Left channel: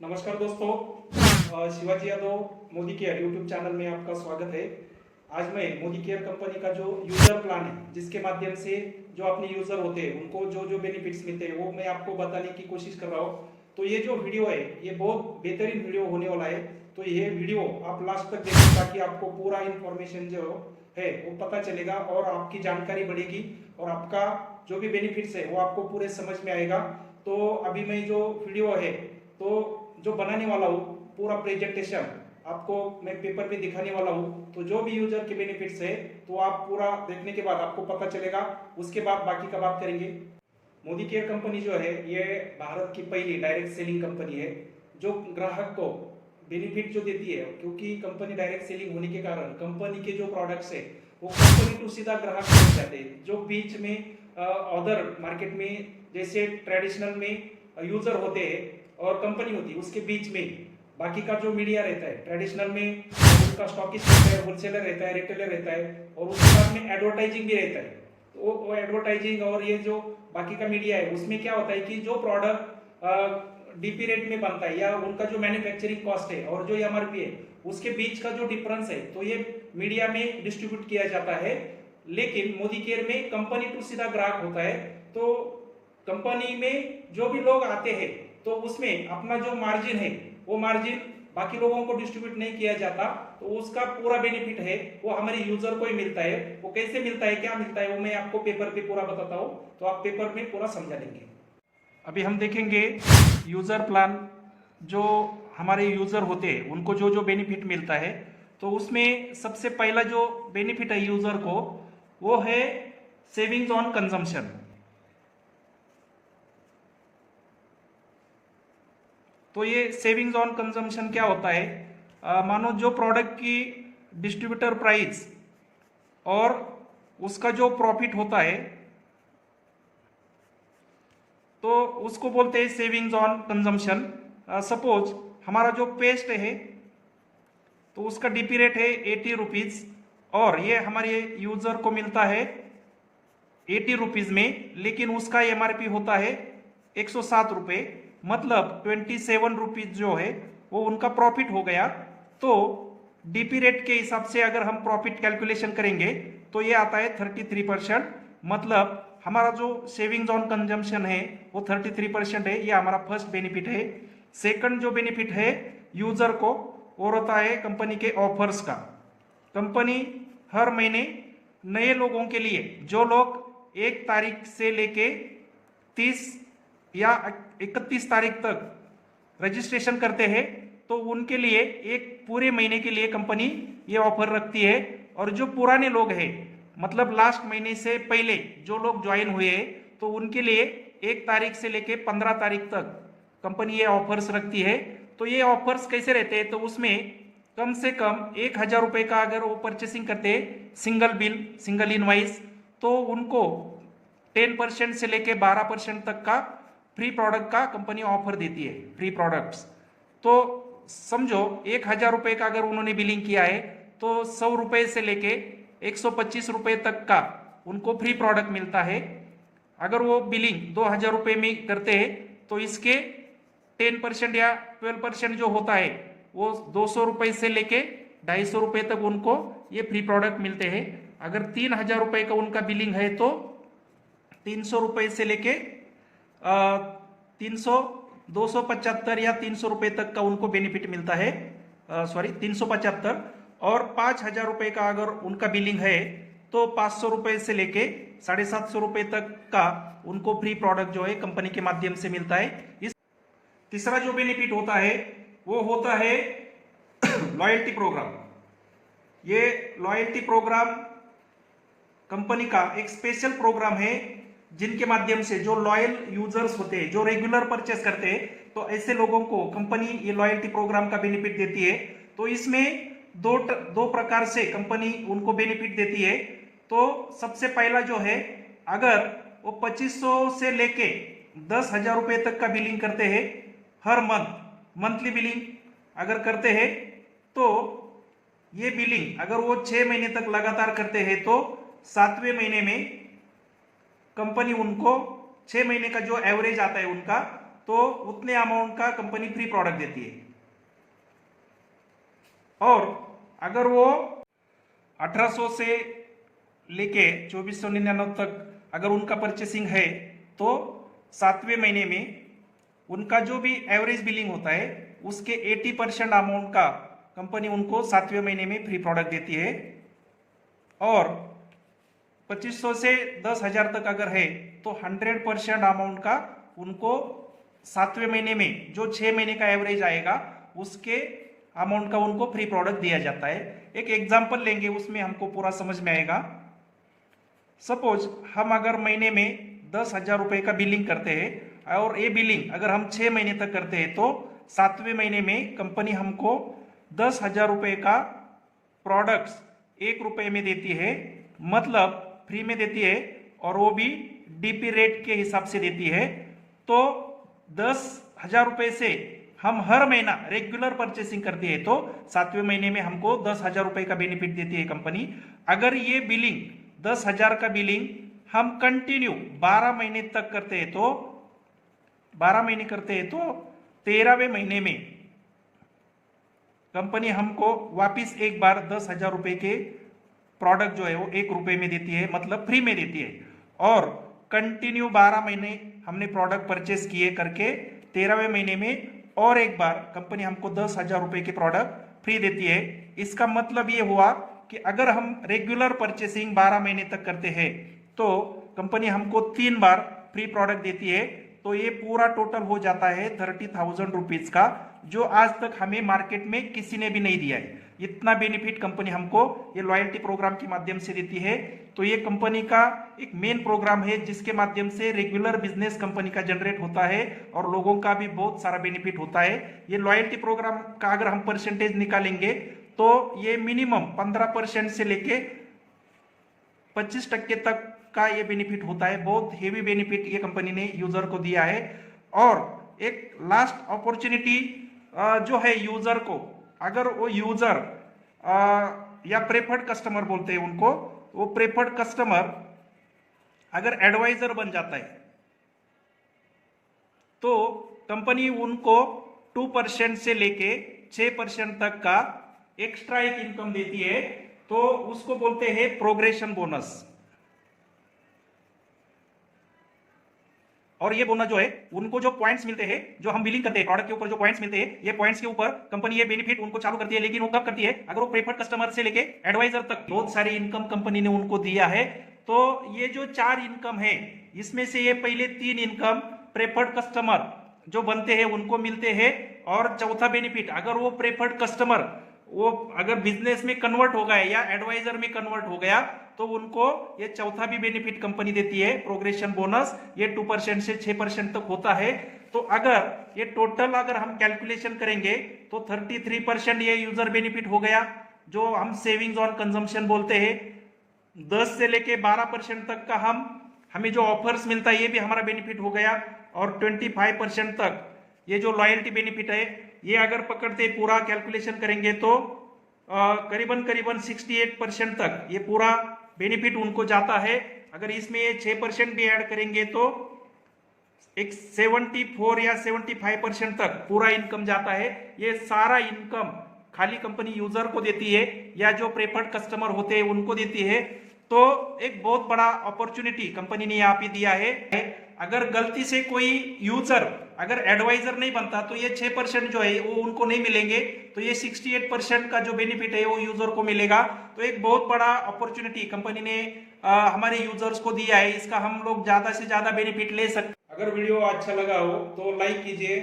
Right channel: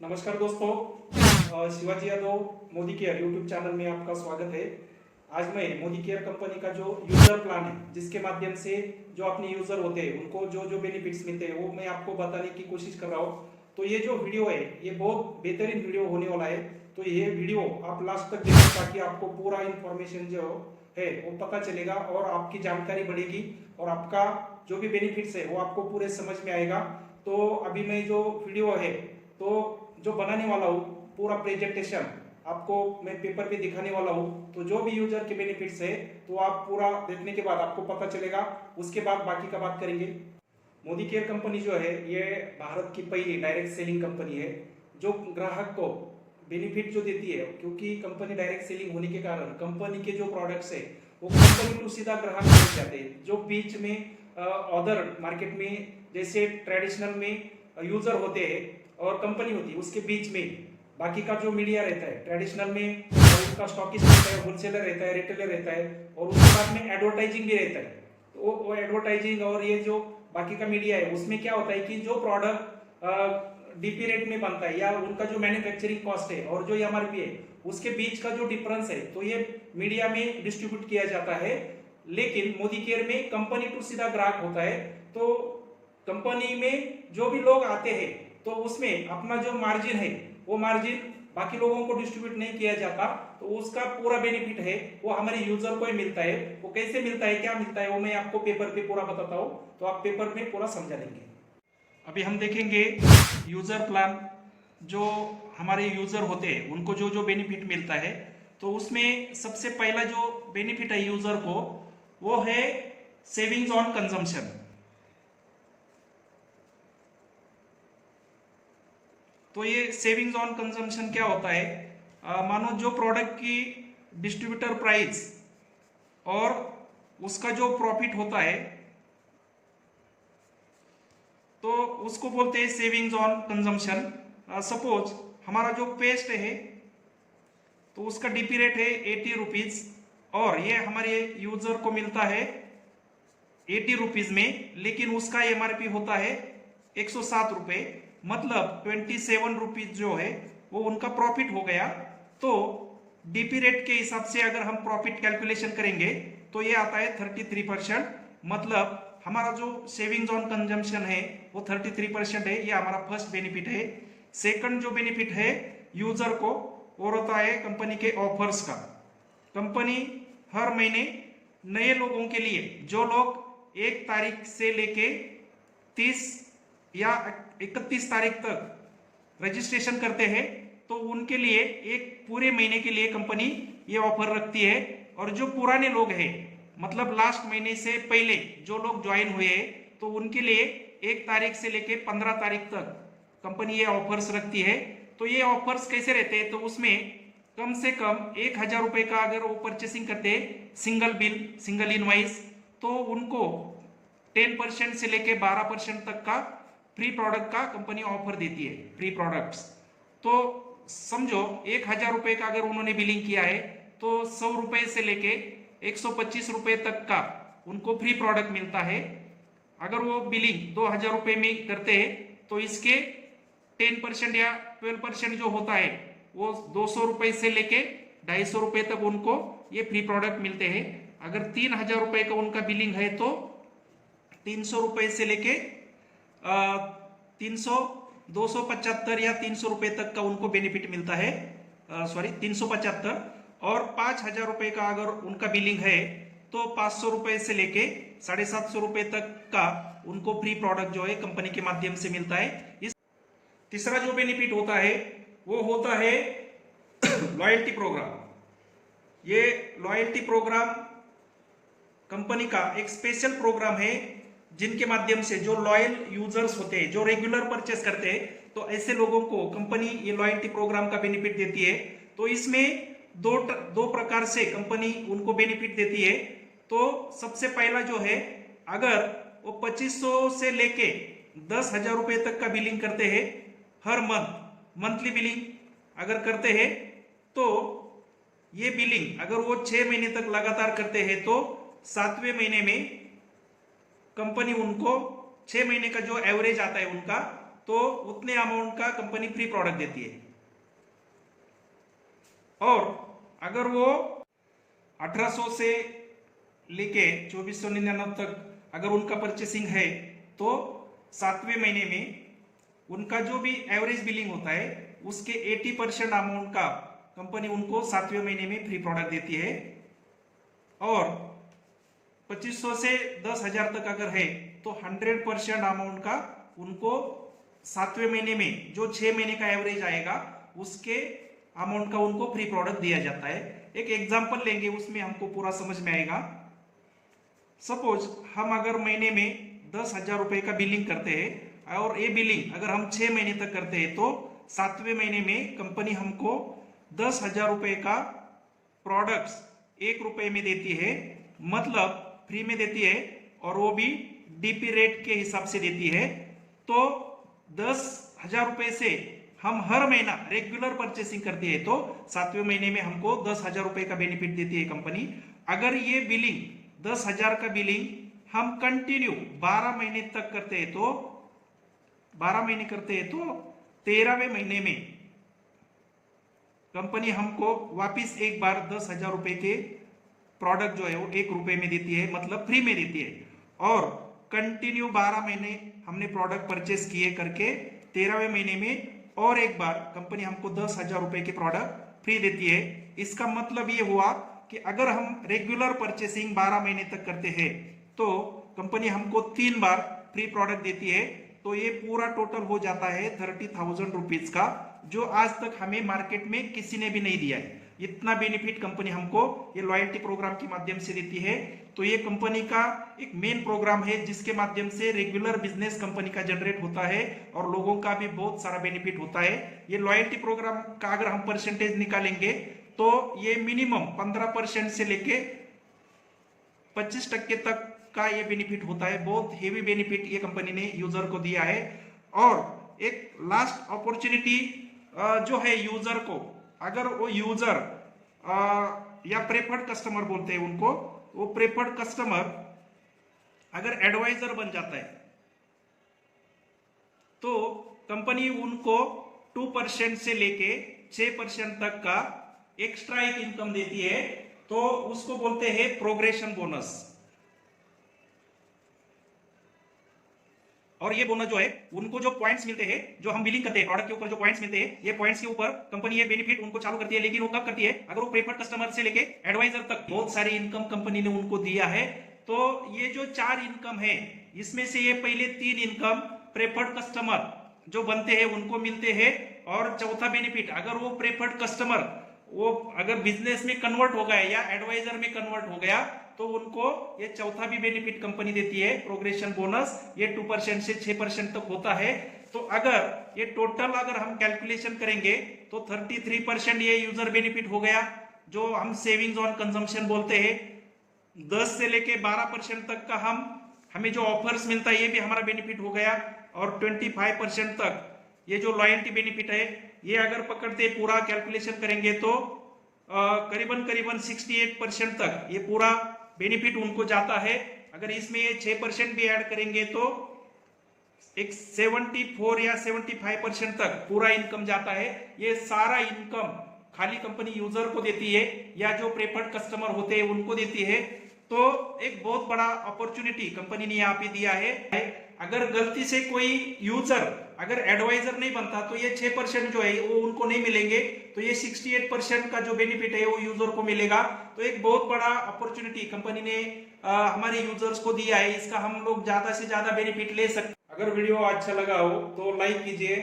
नमस्कार दोस्तों, Shivaji Yadav Modi care YouTube channel में आपका स्वागत है। आज मैं मोदी केयर कंपनी का जो यूजर प्लान है, जिसके माध्यम से जो अपने यूजर होते हैं उनको जो जो बेनिफिट्स मिलते हैं वो मैं आपको बताने की कोशिश कर रहा हूँ। तो ये जो वीडियो है ये बहुत बेहतरीन वीडियो होने वाला है। तो ये वीडियो आप लास्ट तक देखो ताकि आपको पूरा इंफॉर्मेशन जो है वो पता चलेगा और आपकी जानकारी बढ़ेगी और आपका जो भी बेनिफिट्स है वो आपको पूरे समझ में आएगा। तो अभी मैं जो वीडियो है तो जो बनाने वाला हूँ पूरा प्रेजेंटेशन आपको मैं पेपर पे दिखाने वाला हूँ। तो जो भी यूजर के बेनिफिट्स है तो आप पूरा देखने के बाद आपको पता चलेगा, उसके बाद बाकी का बात करेंगे। मोदी केयर कंपनी जो है ये भारत की पहली डायरेक्ट सेलिंग कंपनी है जो ग्राहक को बेनिफिट जो देती है, क्योंकि कंपनी डायरेक्ट सेलिंग होने के कारण कंपनी के जो प्रोडक्ट्स है वो कंपनी टू सीधा ग्राहक पहुंच जाते हैं। जो बीच में अदर मार्केट में जैसे ट्रेडिशनल में यूजर होते हैं और कंपनी होती है, उसके बीच में बाकी का जो मीडिया रहता है ट्रेडिशनल में, और उसका स्टॉकिस्ट रहता है, होलसेलर रहता है, रिटेलर रहता है, और उसके बाद में एडवर्टाइजिंग भी रहता है। तो वो एडवर्टाइजिंग और ये जो बाकी का मीडिया है उसमें क्या होता है कि जो प्रोडक्ट डीपी रेट में बनता है या उनका जो मैन्युफैक्चरिंग कॉस्ट है और जो एमआरपी है उसके बीच का जो डिफरेंस है तो ये मीडिया में डिस्ट्रीब्यूट किया जाता है। लेकिन मोदी केयर में कंपनी टू सीधा ग्राहक होता है। तो कंपनी में जो भी लोग आते हैं तो उसमें अपना जो मार्जिन है वो मार्जिन बाकी लोगों को डिस्ट्रीब्यूट नहीं किया जाता। तो उसका पूरा बेनिफिट है वो हमारे यूजर को ही मिलता है। वो कैसे मिलता है, क्या मिलता है, वो मैं आपको पेपर पे पूरा बताता हूँ, तो आप पेपर में पूरा समझा लेंगे। अभी हम देखेंगे यूजर प्लान। जो हमारे यूजर होते हैं उनको जो जो बेनिफिट मिलता है, तो उसमें सबसे पहला जो बेनिफिट है यूजर को वो है सेविंग्स ऑन कंजम्पशन। तो ये सेविंग्स ऑन कंजम्पशन क्या होता है, मानो जो प्रोडक्ट की डिस्ट्रीब्यूटर प्राइस और उसका जो प्रॉफिट होता है तो उसको बोलते हैं सेविंग्स ऑन कंजम्पशन। सपोज हमारा जो पेस्ट है तो उसका डीपी रेट है 80 रुपीज और ये हमारे यूजर को मिलता है 80 रुपीज में, लेकिन उसका एमआरपी होता है 107 रुपये, मतलब 27 रुपीज जो है वो उनका प्रॉफिट हो गया। तो डीपी रेट के हिसाब से अगर हम प्रॉफिट कैलकुलेशन करेंगे तो ये आता है 33%। मतलब हमारा जो सेविंग्स ऑन कंजम्पशन है वो 33% है। ये हमारा फर्स्ट बेनिफिट है। सेकंड जो बेनिफिट है यूजर को वो होता है कंपनी के ऑफर्स का। कंपनी हर महीने नए लोगों के लिए, जो लोग 1 तारीख से लेके 30 या 31 तारीख तक रजिस्ट्रेशन करते हैं, तो उनके लिए एक पूरे महीने के लिए कंपनी ये ऑफर रखती है। और जो पुराने लोग हैं, मतलब लास्ट महीने से पहले जो लोग ज्वाइन हुए हैं, तो उनके लिए 1 तारीख से लेके 15 तारीख तक कंपनी ये ऑफर्स रखती है। तो ये ऑफर्स कैसे रहते हैं, तो उसमें कम से कम 1000 रुपये का अगर वो परचेसिंग करते हैं सिंगल बिल, सिंगल इनवाइस, तो उनको 10% से लेके 12% तक का फ्री प्रोडक्ट का कंपनी ऑफर देती है, फ्री प्रोडक्ट्स। तो समझो 1000 रुपये का अगर उन्होंने बिलिंग किया है तो 100 रुपये से लेके 125 रुपये तक का उनको फ्री प्रोडक्ट मिलता है। अगर वो बिलिंग 2000 रुपये में करते हैं तो इसके 10% या 12% जो होता है वो 200 रुपये से लेके 250 रुपये तक उनको ये फ्री प्रोडक्ट मिलते हैं। अगर 3000 रुपये का उनका बिलिंग है तो 300 रुपये से लेके 275 या 300 रुपये तक का उनको बेनिफिट मिलता है। 375। और 5000 रुपये का अगर उनका बिलिंग है तो 500 रुपये से लेके 750 रुपये तक का उनको फ्री प्रोडक्ट जो है कंपनी के माध्यम से मिलता है। इस तीसरा जो बेनिफिट होता है वो होता है लॉयल्टी प्रोग्राम। ये लॉयल्टी प्रोग्राम कंपनी का एक स्पेशल प्रोग्राम है जिनके माध्यम से जो लॉयल यूजर्स होते हैं, जो रेगुलर परचेस करते हैं, तो ऐसे लोगों को कंपनी ये लॉयल्टी प्रोग्राम का बेनिफिट देती है। तो इसमें दो प्रकार से कंपनी उनको बेनिफिट देती है। तो सबसे पहला जो है, अगर वो 2500 से लेके 10,000 रुपये तक का बिलिंग करते हैं हर मंथली बिलिंग अगर करते हैं, तो ये बिलिंग अगर वो 6 महीने तक लगातार करते हैं तो 7वें महीने में कंपनी उनको 6 महीने का जो एवरेज आता है उनका, तो उतने अमाउंट का कंपनी फ्री प्रोडक्ट देती है। और अगर वो 1800 से लेके 2499 तक अगर उनका परचेसिंग है तो 7वें महीने में उनका जो भी एवरेज बिलिंग होता है उसके 80% अमाउंट का कंपनी उनको 7वें महीने में फ्री प्रोडक्ट देती है। और 2500 से 10,000 तक अगर है तो 100% अमाउंट का उनको 7वें महीने में जो 6 महीने का एवरेज आएगा उसके अमाउंट का उनको फ्री प्रोडक्ट दिया जाता है। एक एग्जांपल लेंगे, उसमें हमको पूरा समझ में आएगा। सपोज हम अगर महीने में 10,000 रुपए का बिलिंग करते हैं और ये बिलिंग अगर हम 6 महीने तक करते हैं तो 7वें महीने में कंपनी हमको 10,000 रुपए का प्रोडक्ट्स 1 रुपए में देती है, मतलब फ्री में देती है, और वो भी डीपी रेट के हिसाब से देती है। तो 10,000 रुपए से हम हर महीना रेगुलर परचेसिंग करते हैं तो 7वें महीने में हमको 10,000 रुपए का बेनिफिट देती है कंपनी। अगर ये बिलिंग 10,000 का बिलिंग हम कंटिन्यू 12 महीने तक करते हैं तो 13वें महीने में कंपनी हमको वापिस एक बार 10,000 रुपए के प्रोडक्ट जो है वो 1 रुपए में देती है, मतलब फ्री में देती है। और कंटिन्यू 12 महीने हमने प्रोडक्ट परचेस किए करके 13वें महीने में और एक बार कंपनी हमको 10,000 रुपए के प्रोडक्ट फ्री देती है। इसका मतलब ये हुआ कि अगर हम रेगुलर परचेसिंग 12 महीने तक करते हैं तो कंपनी हमको 3 बार फ्री प्रोडक्ट देती है। तो ये पूरा टोटल हो जाता है 30,000 रुपीज का, जो आज तक हमें मार्केट में किसी ने भी नहीं दिया है। इतना बेनिफिट कंपनी हमको ये लॉयल्टी प्रोग्राम के माध्यम से देती है। तो ये कंपनी का एक मेन प्रोग्राम है जिसके माध्यम से रेगुलर बिजनेस कंपनी का जनरेट होता है और लोगों का भी बहुत सारा बेनिफिट होता है। ये लॉयल्टी प्रोग्राम का अगर हम परसेंटेज निकालेंगे तो ये मिनिमम 15% से लेके 25% तक का ये बेनिफिट होता है। बहुत हेवी बेनिफिट ये कंपनी ने यूजर को दिया है। और एक लास्ट अपॉर्चुनिटी जो है यूजर को, अगर वो यूजर या प्रेफर्ड कस्टमर बोलते हैं उनको, वो प्रेफर्ड कस्टमर अगर एडवाइजर बन जाता है तो कंपनी उनको 2% से लेके 6% तक का एक्स्ट्रा एक इनकम देती है। तो उसको बोलते हैं प्रोग्रेशन बोनस। और ये बोनस जो है उनको जो पॉइंट्स मिलते हैं, जो हम बिलिंग करते हैं प्रोडक्ट के ऊपर जो पॉइंट्स मिलते हैं, ये पॉइंट्स के ऊपर कंपनी ये बेनिफिट उनको चालू करती है। लेकिन वो कब करती है? अगर वो प्रेफर्ड कस्टमर से लेके एडवाइजर तक बहुत सारी इनकम कंपनी ने उनको दिया है। तो ये जो 4 इनकम है इसमें से ये पहले 3 इनकम प्रेफर्ड कस्टमर जो बनते हैं उनको मिलते हैं। और चौथा बेनिफिट, अगर वो प्रेफर्ड कस्टमर वो अगर बिजनेस में कन्वर्ट हो गया या एडवाइजर में कन्वर्ट हो गया तो उनको ये चौथा भी बेनिफिट कंपनी देती है, प्रोग्रेशन बोनस। ये 2% से 6% तक होता है। तो अगर ये टोटल अगर हम कैलकुलेशन करेंगे तो 33% ये यूजर बेनिफिट हो गया, जो हम सेविंग्स ऑन कंजम्पशन बोलते हैं। 10 से लेके 12% तक का हमें जो ऑफर्स मिलता है ये भी हमारा बेनिफिट हो गया। और 25% तक ये जो लॉयल्टी बेनिफिट है ये अगर पकड़ते पूरा कैलकुलेशन करेंगे तो करीबन 68% तक ये पूरा बेनिफिट उनको जाता है। अगर इसमें ये 6% भी ऐड करेंगे तो एक 74 या 75% तक पूरा इनकम जाता है। ये सारा इनकम खाली कंपनी यूजर को देती है या जो प्रेफर्ड कस्टमर होते हैं उनको देती है। तो एक बहुत बड़ा अपॉर्चुनिटी कंपनी ने यहाँ पे दिया है। अगर गलती से कोई यूजर अगर एडवाइजर नहीं बनता तो ये 6% जो है वो उनको नहीं मिलेंगे। तो ये 68% का जो बेनिफिट है वो यूजर को मिलेगा। तो एक बहुत बड़ा अपॉर्चुनिटी कंपनी ने हमारे यूजर्स को दिया है। इसका हम लोग ज्यादा से ज्यादा बेनिफिट ले सकते। अगर वीडियो अच्छा लगा हो तो लाइक कीजिए,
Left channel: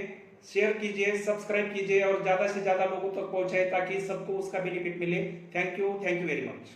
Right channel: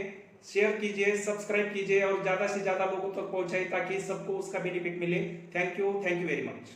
शेयर कीजिए, सब्सक्राइब कीजिए और ज्यादा से ज्यादा लोगों तक पहुंचाए ताकि सबको उसका बेनिफिट मिले। Thank you very much.